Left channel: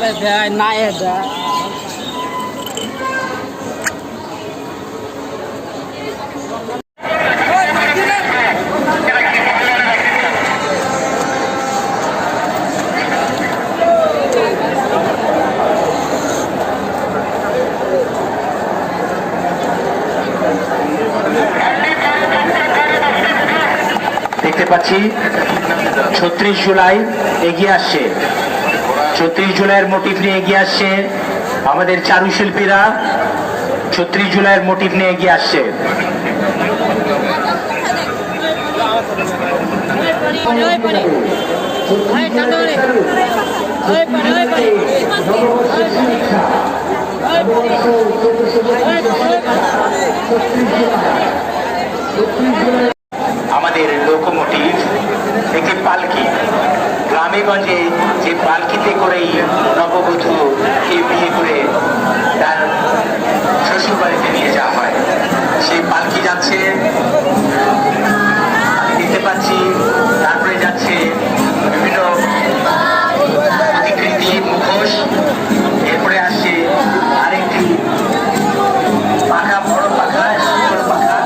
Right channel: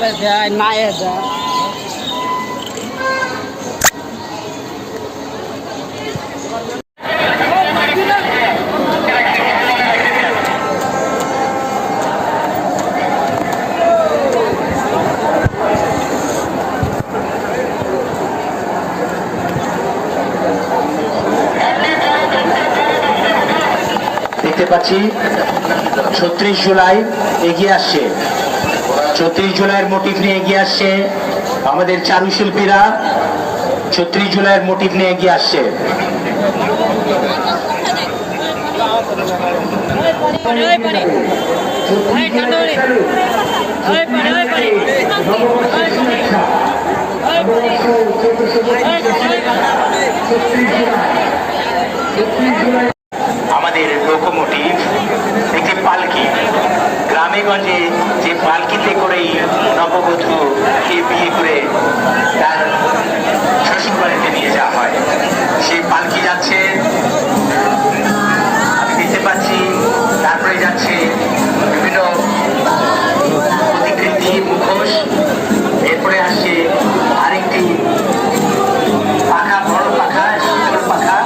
ডালে দেয় নায়ে দেয়। দেখতে পাচ্ছি ৩৬ জুলাই এগিয়ে আসছে। ৩৬ জুলাইয়ের মোটিভ নিয়ে এগিয়ে আসছে আমাদের চারুশিল্পীরা। ৩৬ জুলাইয়ের মোটিভ নিয়ে এগিয়ে আসছে। আমাদের লোকোমোটিভ একটি পালকি, গ্রামে গঞ্জে যে পালকিতে করেই নববধূকে বিয়ে করে তার শ্বশুর বাড়িতে নিয়ে যাওয়া হয়, সেই পালকি যাচ্ছে দেখতে পাচ্ছি। তারপরে যাচ্ছে বিভিন্ন প্রতিকৃতি, মুখোশ। এরপরে আসছে আরেকটি পাখা, বড় পাখা, ছোট পাখা।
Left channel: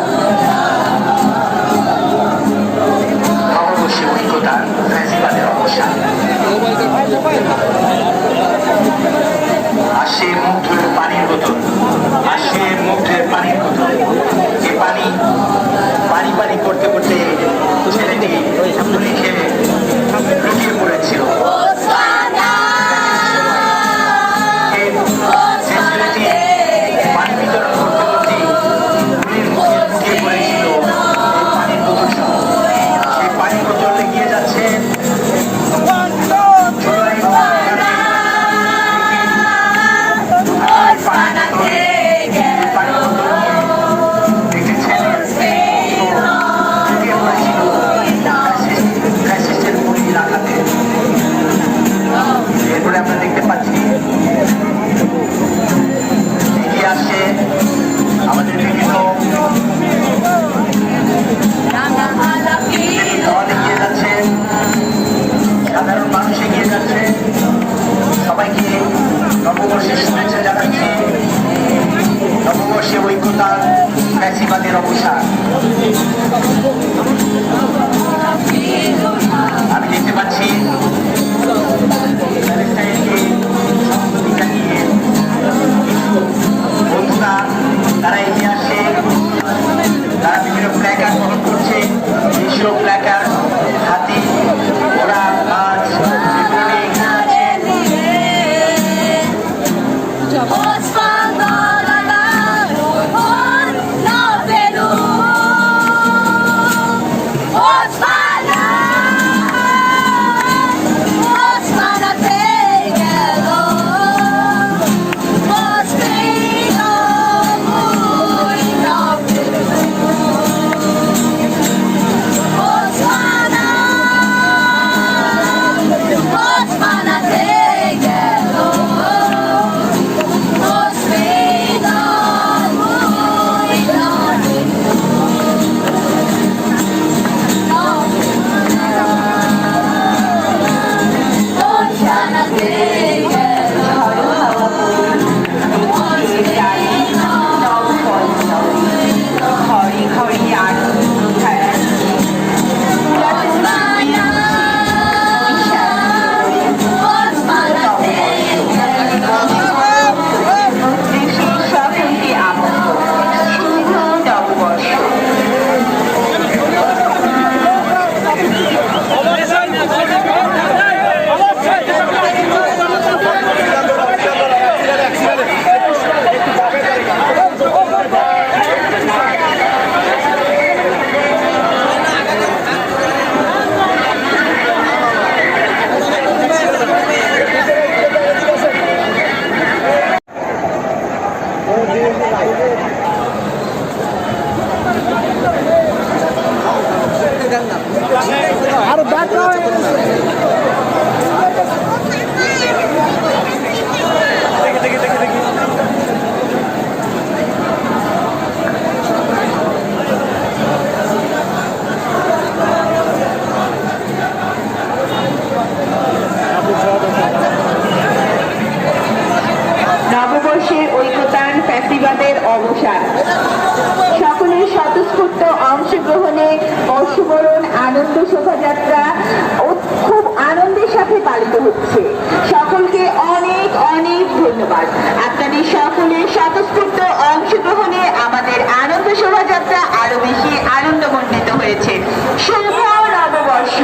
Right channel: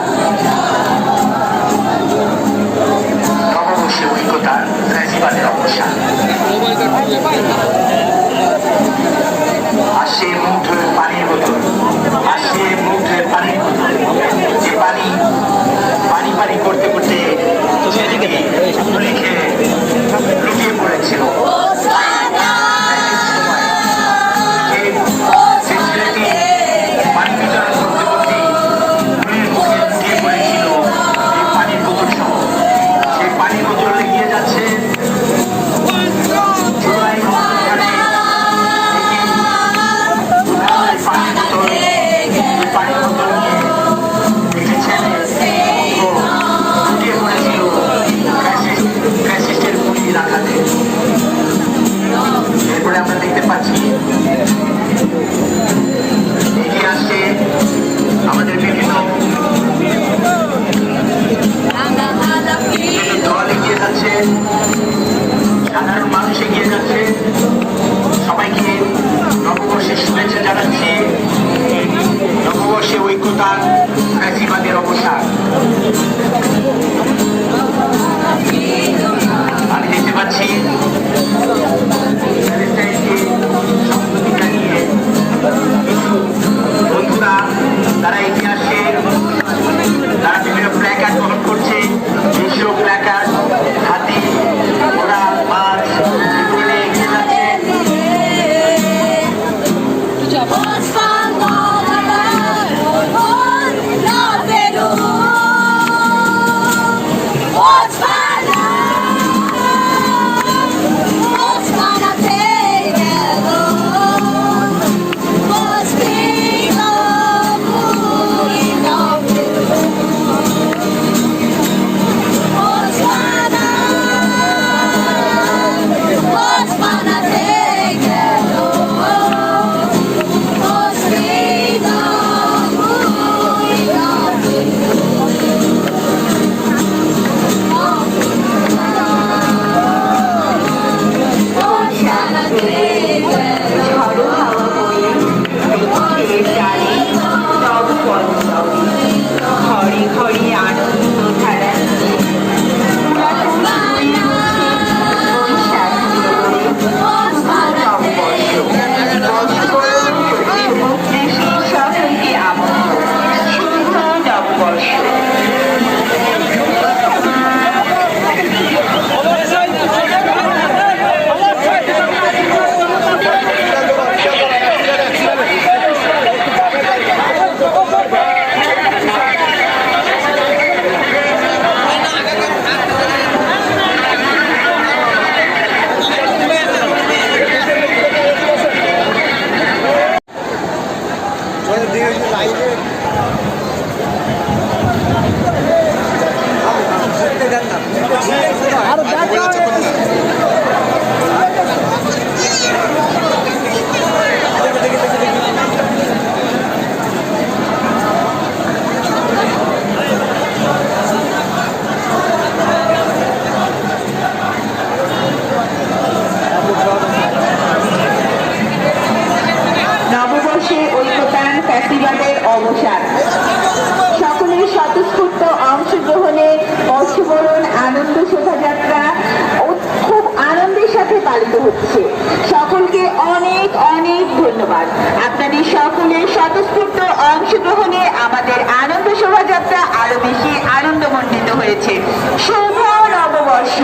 আনন্দ শোভাযাত্রা খুব আনন্দের সাথে পালিত হচ্ছে। সকলকে অনেক অনেক ধন্যবাদ। আপনাদের সকলের স্বতঃস্ফূর্ত অংশগ্রহণে আমাদের আনন্দ শোভাযাত্রা আরো বেশি আনন্দমণ্ডিত হয়েছে। শুভ নববর্ষ।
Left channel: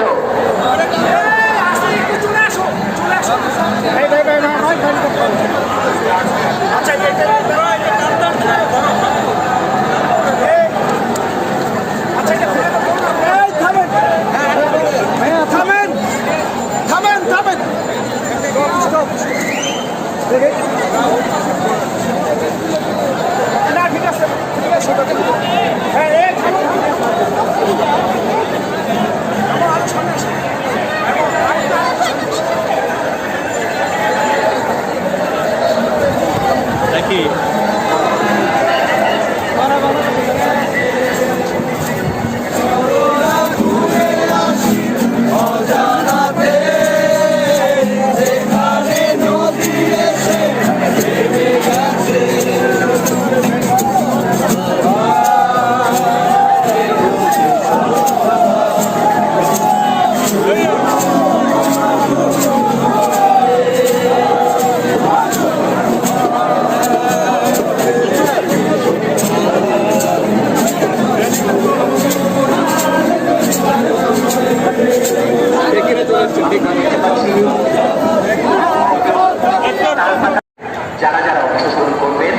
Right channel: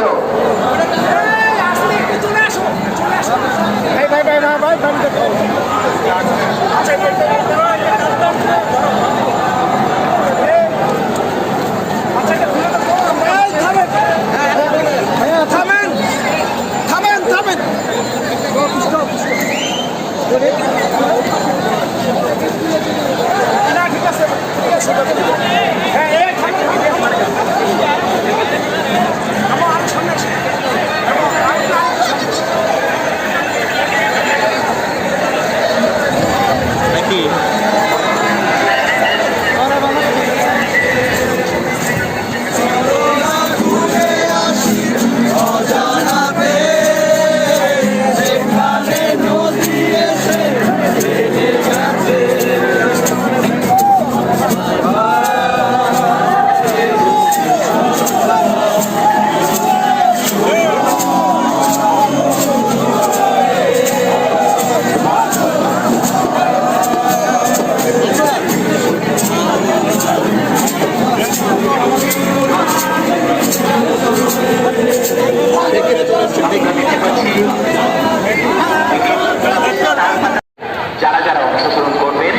যারা যারা অংশগ্রহণ করবেন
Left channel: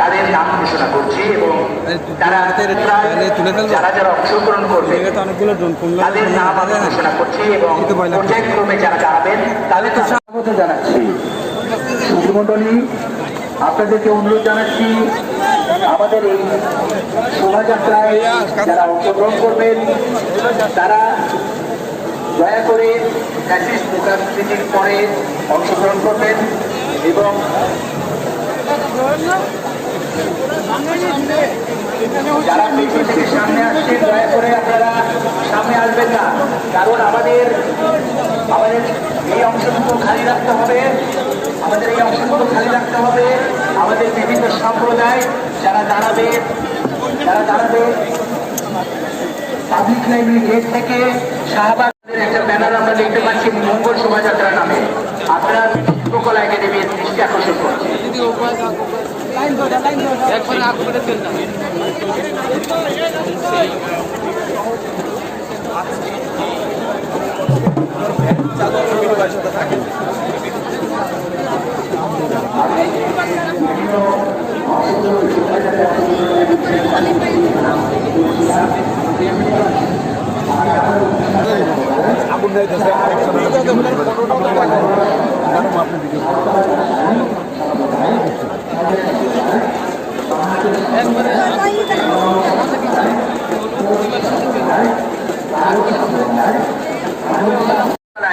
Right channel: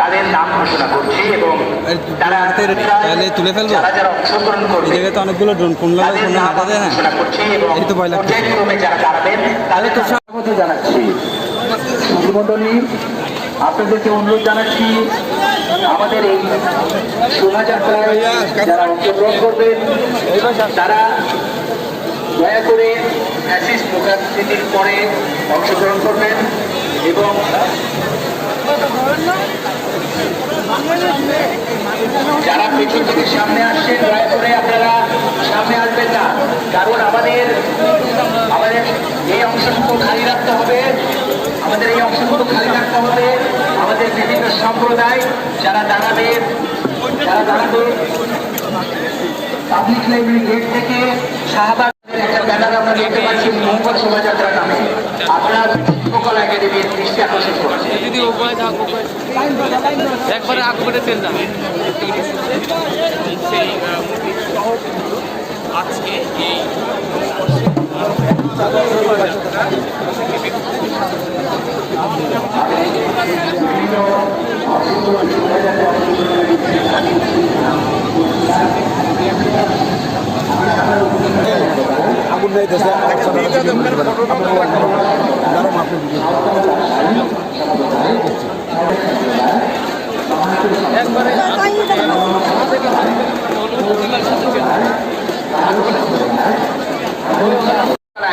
তাদের নাম ঘোষণা করছি এবং যারা যারা অংশগ্রহণ করবেন তাদের নাম ঘোষণা করছি এবং পর্যায়ক্রমে যারা দাঁড়াবেন তাদের স্বাগত জানাচ্ছি। সুধীমণ্ডলী, আপনাদেরকে অনুরোধ জানাচ্ছি আমাদের এই শোভাযাত্রায় যারা অংশগ্রহণ করবেন তারা দয়া করে ফ্যাসিস্ট লোকালসিটির পরে অংশগ্রহণ করবেন এবং যারা পেছন থেকে সামনে আসছেন দয়া করে আপনারা সামনে আসবেন না, কারণ আমাদের এই অংশটুকু খালি রাখতে হবে। আমাদের বিভিন্ন সম্প্রদায় যারা দাঁড়াবে পাবলিক লাইব্রেরি গেট থেকে শাহবাগের একটা ব্যানার আমরা দেখতে পাচ্ছি মঙ্গল শোভাযাত্রা নামে। আপনারা শিল্পকলা একাডেমির দৃষ্টি আকর্ষণ করছে।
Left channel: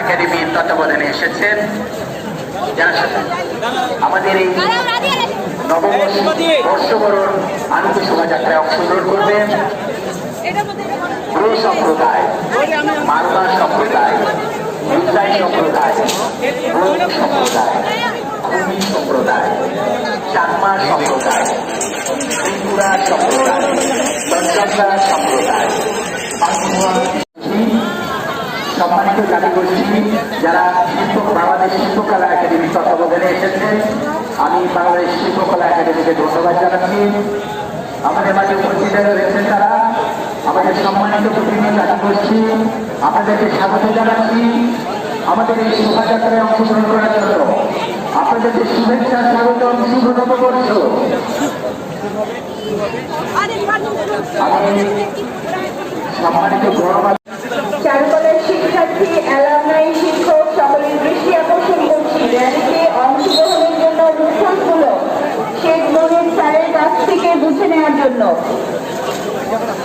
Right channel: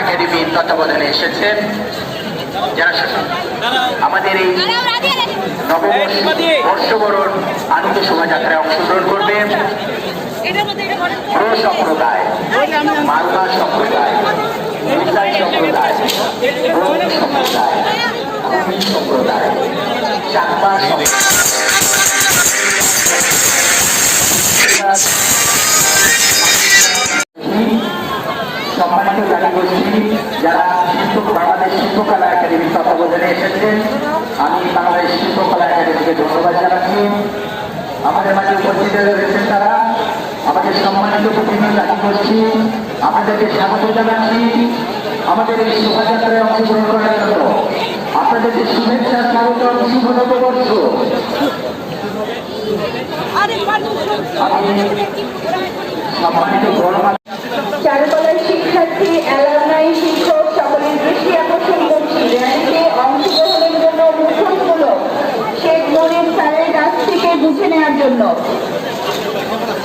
একাডেমির তত্ত্বাবধানে এসেছেন আমাদের এই বর্ষবরণ আনন্দ শোভাযাত্রায় অংশগ্রহণ করবেন সম্প্রদায়, বাংলা সম্প্রদায়, ইসলাম সম্প্রদায়, সম্প্রদায়, চাকমা সম্মানিত জাতিগোষ্ঠী যারা বাংলাদেশ শিল্পকলা একাডেমির তত্ত্বাবধানে এসেছেন, আমি বাংলাদেশ শিল্পকলা একাডেমিকে ধন্যবাদ জানাচ্ছি। আমাদের মাঝে উপস্থিত রয়েছেন তারা আমাদের সম্মানিত প্রতিনিধি জাতিগোষ্ঠী, আপনাদেরকে স্বাগত জানাচ্ছি। আমাদের এই শোভাযাত্রায় অংশগ্রহণ করার জন্য আপনাদেরকে শুভেচ্ছা স্বাগত, শুভ নববর্ষ। সম্মানিত চারুকলার শিক্ষার্থী, অ্যালামনাই, শিক্ষক সকলের দৃষ্টি আকর্ষণ করছি র্যালিতে অংশগ্রহণের জন্য মুখোশগুলো শেখ মনির স্যারের কাছ থেকে বুঝে নেওয়ার জন্য।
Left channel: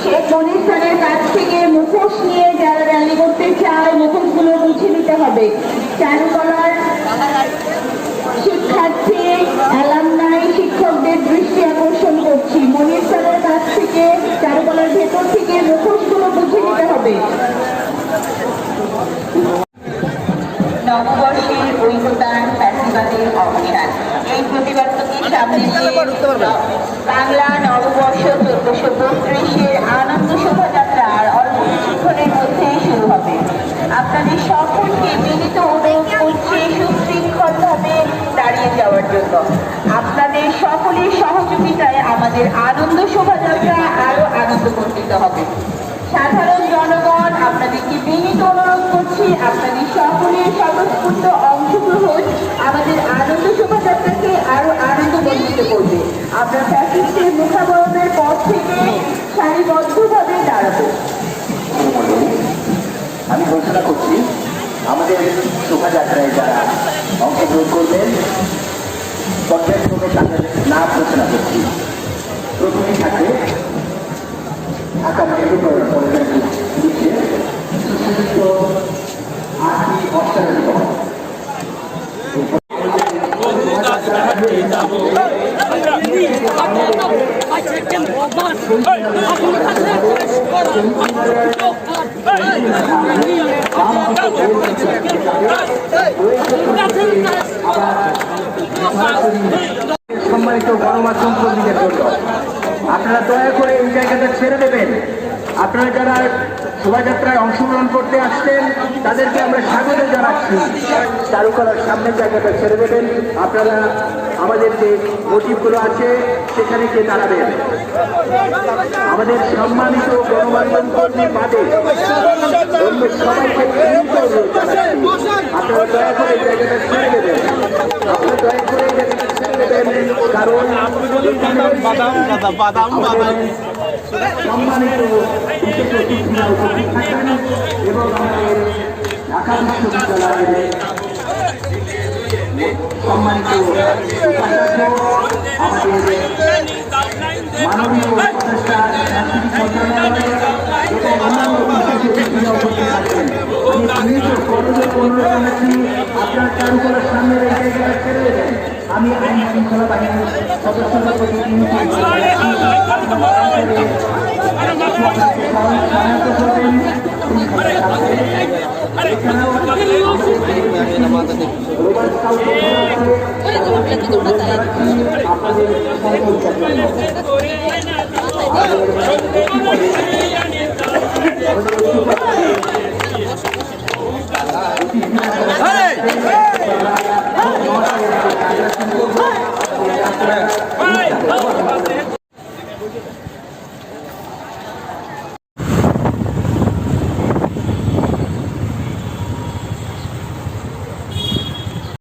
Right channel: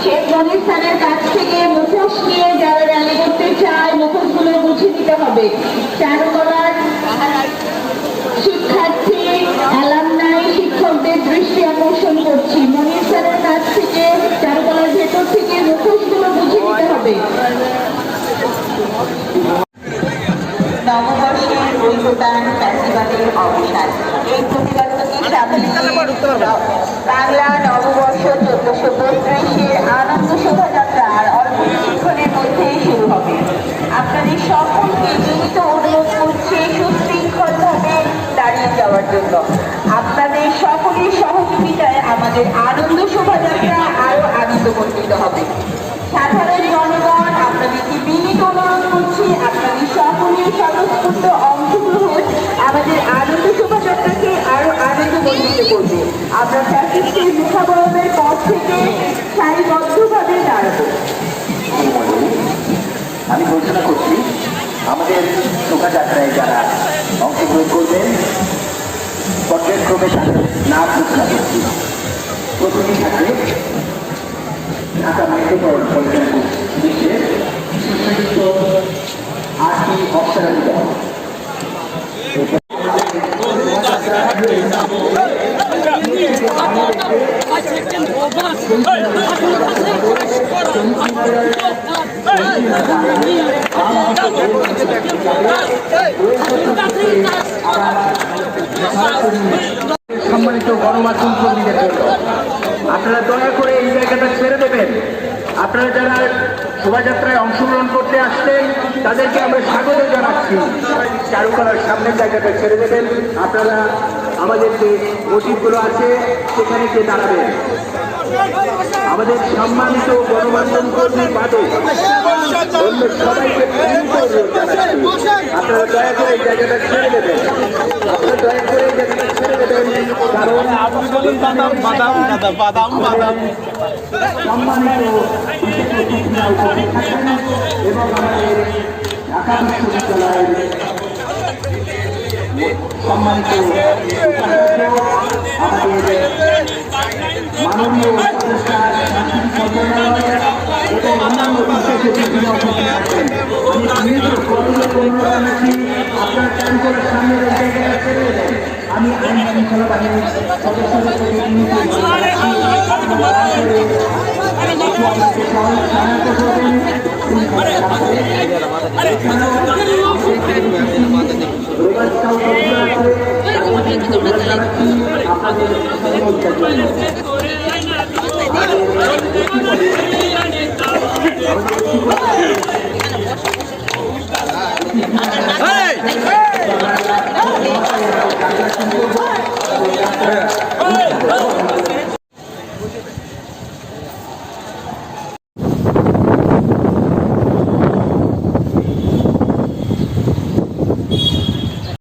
শেখ মনির স্যারের কাছ থেকে মুখোশ নিয়ে যারা র্যালি করতে চায় মুখোশগুলো বুঝে নিতে হবে। চারুকলার শিক্ষার্থী, অ্যালামনাই, শিক্ষকদের দৃষ্টি আকর্ষণ করছি মনির স্যারের কাছ থেকে চারুকলার ভেতর থেকে মুখোশগুলো বুঝে নিতে হবে। নববর্ষের ঐক্যদান ফ্যাসিবাদের অবসান, এই প্রতিবাদকে সামনে নিয়ে বাংলা নববর্ষ 1432-এর আনন্দ শোভাযাত্রা শোভাযাত্রা আরো আনন্দমণ্ডিত হবে। সাধারণ জনগণ, আপনাদেরকে বিনীত অনুরোধ করছি, আপনাদের সকলের স্বতঃস্ফূর্ত অংশগ্রহণ আমাদের আনন্দ শোভাযাত্রাকে আরো আনন্দমণ্ডিত করবে। আমরা ফ্যাসিস্টের মুখাবরণের পর থেকে সারিবদ্ধভাবে দাঁড়াবো। আমি ঘোষণা করছি আমাদের শোভাযাত্রায় যারা অংশগ্রহণ করবেন পর্যায়ক্রমে তাদের নাম ঘোষণা করছি। প্রথমেই থাকে ঢাকা মেট্রোপলিটন পুলিশে শিক্ষাযুক্ত আশি অফিসারের কম সম্মানিত গণমাধ্যম কর্মীদের জন্য আপনারা দয়া করে এই জায়গাটা ছেড়ে দেবেন। আপনারা যারা শোভাযাত্রায় অংশগ্রহণ করতে আসছেন তাদেরকে আমরা স্বাগত জানাচ্ছি। চারুকলার সামনের জায়গাটা ছেড়ে দেবেন। আপনারা আমাদের যে মসজিদগুলো আছে সেখানে গিয়ে দাঁড়াবেন। আমাদের সম্মানিত গণমাধ্যম কর্মী বাদে অন্য সবাইকে আপনারা দয়া করে এই জায়গাটা ছেড়ে দেবেন। আপনারা দয়া করে এই জায়গাটা ছেড়ে দেবেন, কারণ সম্মানিত বিশেষ অতিথিরা উপস্থিত থাকবেন এবং আমাদের ঢাকা বিশ্ববিদ্যালয়ের সম্মানিত উপাচার্য, আমাদের মাননীয় উপদেষ্টা সাংস্কৃতিক মন্ত্রণালয় এবং অন্যান্য বিশেষ অতিথিরা উপস্থিত থাকবেন। আমি নিজের কর্মীদের অনুরোধ জানাচ্ছি আপনার চারুকলার সামনে এই জায়গাটা ছেড়ে দেবেন। আমি আইন শৃঙ্খলা বাহিনীর সদস্যদের প্রতি সহায়তা করবেন। আপনাদের